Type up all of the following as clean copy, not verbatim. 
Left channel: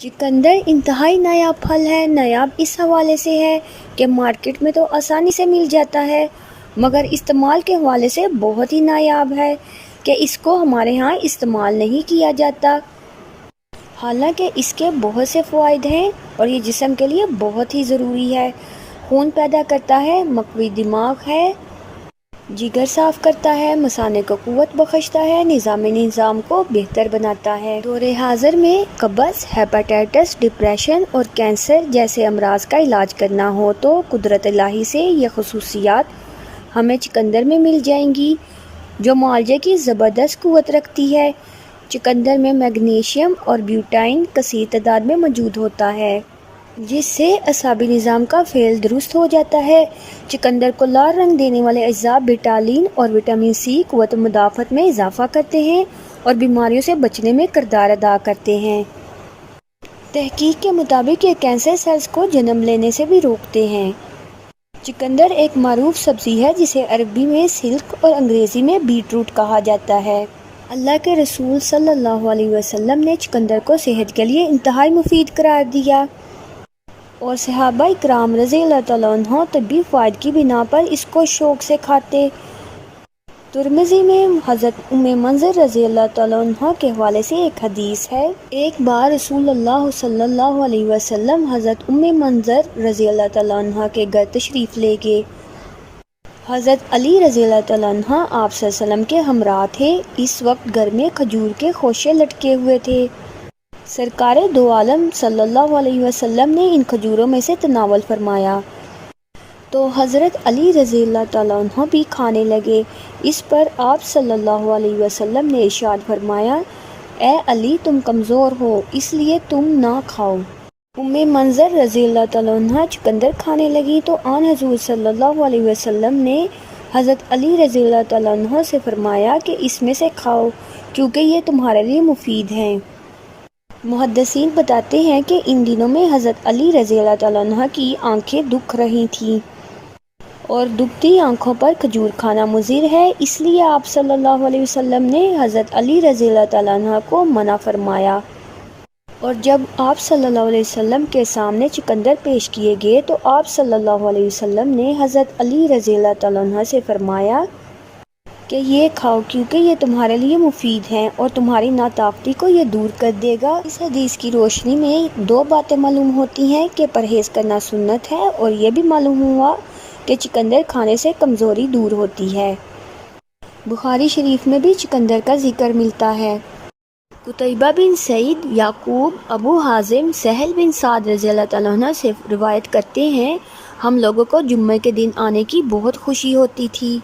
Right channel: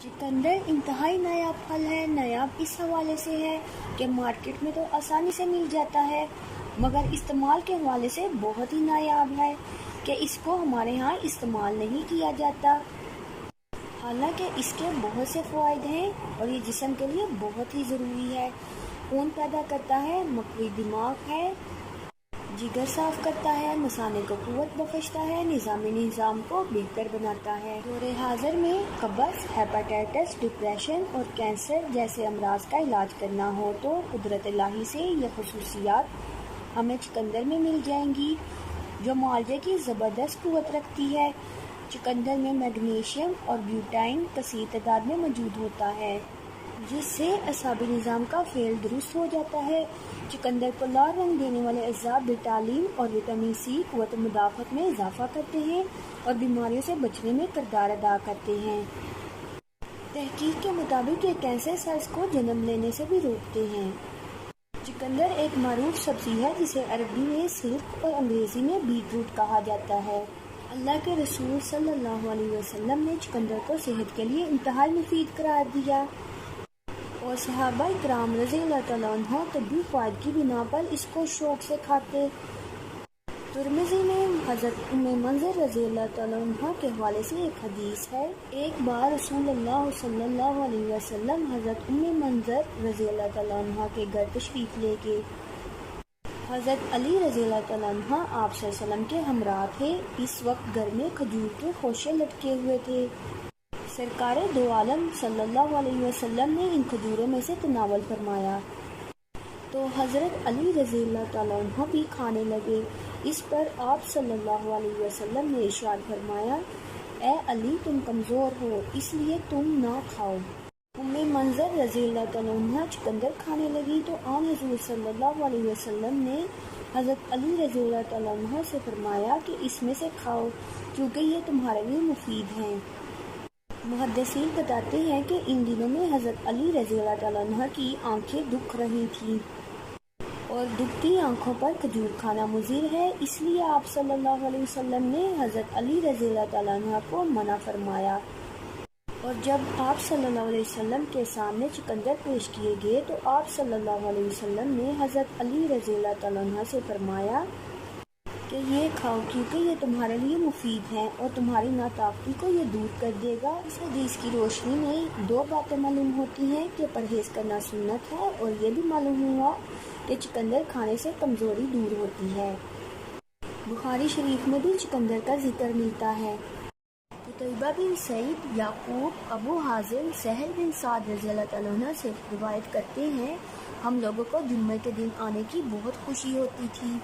चुकंदर इंतहाई नायाब फल है। नायाब इस हवाले से है कि मार्केट में तो आसानी से मिल जाता है, मगर इस्तेमाल के हवाले से बहुत ही नायाब है कि इसको हमारे यहाँ इस्तेमाल नहीं किया जाता। हालांकि इसके बहुत से फ़वाइद हैं और ये जिस्म के लिए बहुत ही ज़रूरी है। खून पैदा करता है, मक़वी दिमाग है, जिगर साफ़ करता है, मसाने को क़ुव्वत बख्शता है, निज़ाम को बेहतर बनाता है। दौरे हाज़िर में कब्ज़, हेपेटाइटिस, डिप्रेशन और कैंसर जैसे अमराज का इलाज करना हो तो कुदरत इलाही से ये ख़ुसूसियात हमें चुकंदर में मिल जाएंगी, जो मुआलजे की ज़बरदस्त क़ुव्वत रखती है। चुकंदर में मैग्नीशियम और ब्यूटाइन कसीर तादाद में मौजूद होता है, जिससे असाबी निज़ाम का फ़ेल दुरुस्त हो जाता है। चुकंदर को लाल रंग देने वाले अज्जा बिटालिन और विटामिन सी क़ुव्वत मुदाफ़त में इजाफ़ा करते हैं और बीमारियों से बचने में किरदार अदा करते हैं। तहकीक के मुताबिक ये कैंसर सेल्स को जन्म लेने से भी रोकते हैं। चुकंदर एक मारूफ सब्ज़ी है जिसे अरबी में सिल्क और अंग्रेज़ी में बीट रूट कहा जाता है। अल्लाह के रसूल सल्लल्लाहु अलैहि वसल्लम ने चुकंदर को सेहत के लिए इंतहाई मुफीद करार दिया और सहाबा इकराम रज़ी अल्लाह तआला अन्हुम तब्बी फ़ायदे की बिना पर इसको शौक़ से खाते। तिरमिज़ी में हज़रत उम्मे मंज़र रज़ी अल्लाह तआला अन्हा के हवाले से एक हदीस है। एक बार रसूलुल्लाह सल्लल्लाहु अलैहि वसल्लम हज़रत उम्मे मंज़र रज़ी अल्लाह तआला अन्हा के घर तशरीफ़ ले गए। हज़रत अली रज़ी अल्लाह तआला अन्हा आप सल्लल्लाहु अलैहि वसल्लम के हमराह थे। इस वक्त घर में खजूर के खोशे लटके हुए थे। सरकार दो आलम सल्लल्लाहु अलैहि वसल्लम ने इन खजूरों में से तनावल फरमाया तो हज़रत अली रज़ी अल्लाह तआला अन्हु भी खाने लगे। इस पर आप सल्लल्लाहु अलैहि वसल्लम ने इरशाद फरमाया, ए अली तुम कमज़ोर हो इसलिए तुम ना खाओ। उम्मे मंज़र रज़ी अल्लाह तआला अन्हा चुकंदर खाने लगी तो आन हज़ूर सल्लल्लाहु अलैहि वसल्लम ने हज़रत अली रज़ी अल्लाह तआला अन्हु से फरमाया कि इसमें से खाओ क्योंकि ये तुम्हारे लिए मुफीद हैं। मुहद्दिसीन बताते हैं कि इन दिनों में हज़रत अली रज़ी अल्लाह तआला अन्हा की आंखें दुख रही थीं और दुखती आंखों पर खजूर खाना मुज़िर है, इसलिए आप सल्लल्लाहु अलैहि वसल्लम ने हज़रत अली रज़ी अल्लाह तआला अन्हा को मना फरमाया। और जब आप सल्लल्लाहु अलैहि वसल्लम के सामने चुकंदर पेश किए गए तो आप सल्लल्लाहु अलैहि वसल्लम ने हज़रत अली रज़ी अल्लाह तआला अन्हा से फरमाया कि ये खाओ क्योंकि ये तुम्हारे लिए मुफीद हैं और तुम्हारी नाताक़ती को ये दूर कर देगा। इस हदीस की रोशनी में दो बातें मालूम होती हैं कि परहेज़ करना सुन्नत है और ये भी मालूम हुआ कि चुकंदर खाने से कमज़ोरी दूर होती है। बुखारी शरीफ में भी चुकंदर का जिक्र मिलता है। कुतैबा बिन सईद, याकूब, अबू हाजिम, सहल बिन साद रज़ी अल्लाह तआला अन्हु से रिवायत करते हैं, हम लोगों को जुम्मे के दिन आने की बहुत खुशी होती थी,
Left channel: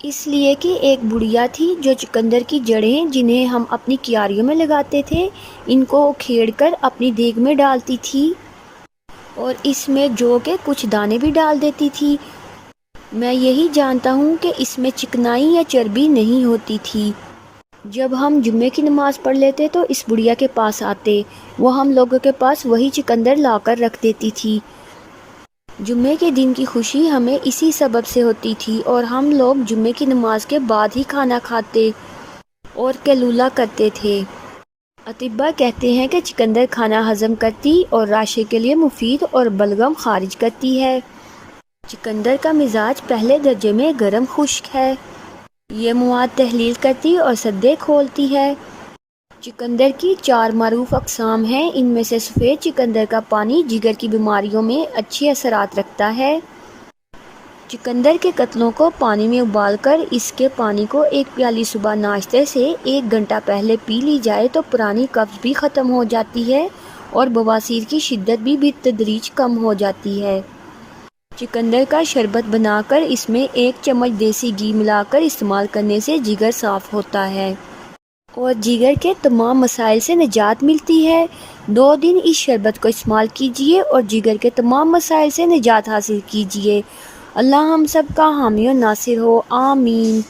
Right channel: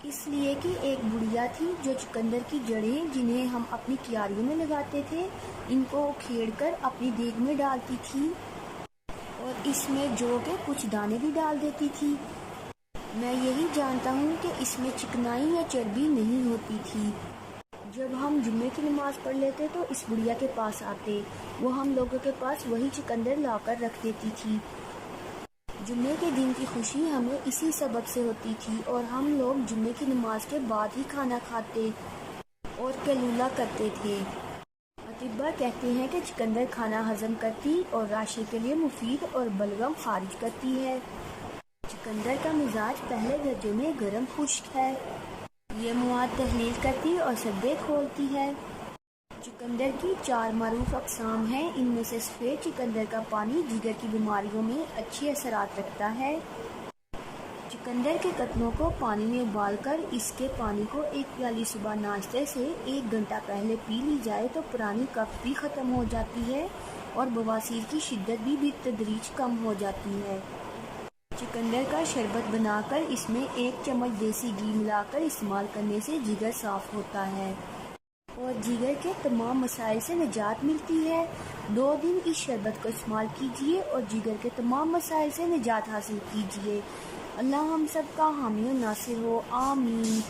इसलिए कि एक बुढ़िया थी जो चुकंदर की जड़ें जिन्हें हम अपनी क्यारियों में लगाते थे, इनको उखेड़कर अपनी देग में डालती थी और इसमें जौ के कुछ दाने भी डाल देती थी। मैं यही जानता हूँ कि इसमें चिकनाई या चर्बी नहीं होती थी। जब हम जुम्मे की नमाज़ पढ़ लेते तो इस बुढ़िया के पास आते, वो हम लोगों के पास वही चुकंदर लाकर रख देती थी। जुम्मे के दिन की खुशी हमें इसी सबब से होती थी और हम लोग जुम्मे की नमाज के बाद ही खाना खाते और कैलूला करते थे। अतिब्बा कहते हैं कि चुकंदर खाना हज़म करती और राशे के लिए मुफीद और बलगम खारिज करती है। चुकंदर का मिजाज पहले दर्जे में गर्म खुश्क है। ये मुआद तहलील करती और सद्दे खोलती है। चुकंदर की 4 मारूफ अक़साम हैं। इनमें से सफ़ेद चुकंदर का पानी जिगर की बीमारियों में अच्छे असरात रखता है। चुकंदर के कतलों को पानी में उबालकर इसके पानी को एक प्याली सुबह नाश्ते से 1 घंटा पहले पी ली जाए तो पुरानी कब्ज़ भी ख़त्म हो जाती है और बवासीर की शिद्दत भी बितदरीज कम हो जाती है। चुकंदर का शरबत बनाकर इसमें 1 चम्मच देसी घी मिलाकर इस्तेमाल करने से जिगर साफ़ होता है और जिगर के तमाम मसाइल से निजात मिलती है। 2 दिन इस शरबत को इस्तेमाल कीजिए और जिगर के तमाम मसाइल से निजात हासिल कीजिए। अल्लाह हम सब का हामी और नासिर हो, आमीन।